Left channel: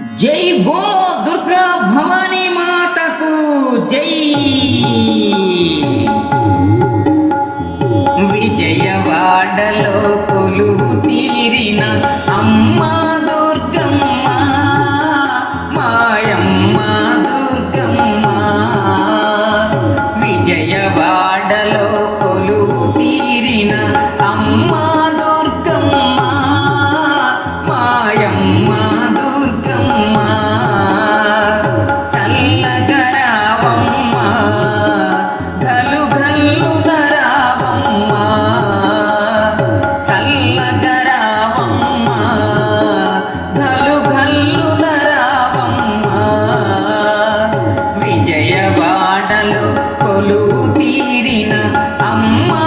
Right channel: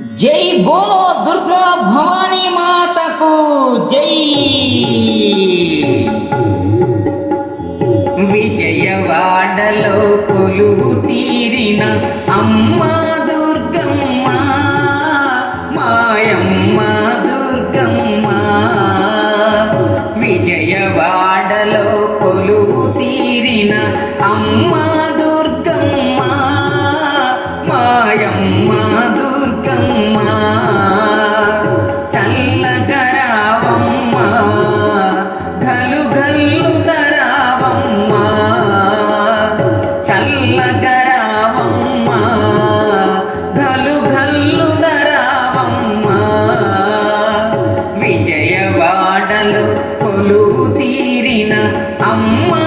జై బోలో దుర్గా భవానీ మాతకు జై. విజయవాడలో పులు తీరిన అమ్మా కొలువు తీరిన అమ్మా.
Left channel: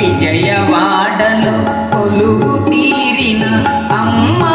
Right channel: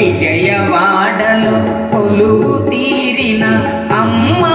విజయవాడలో కొలువు తీరిన అమ్మా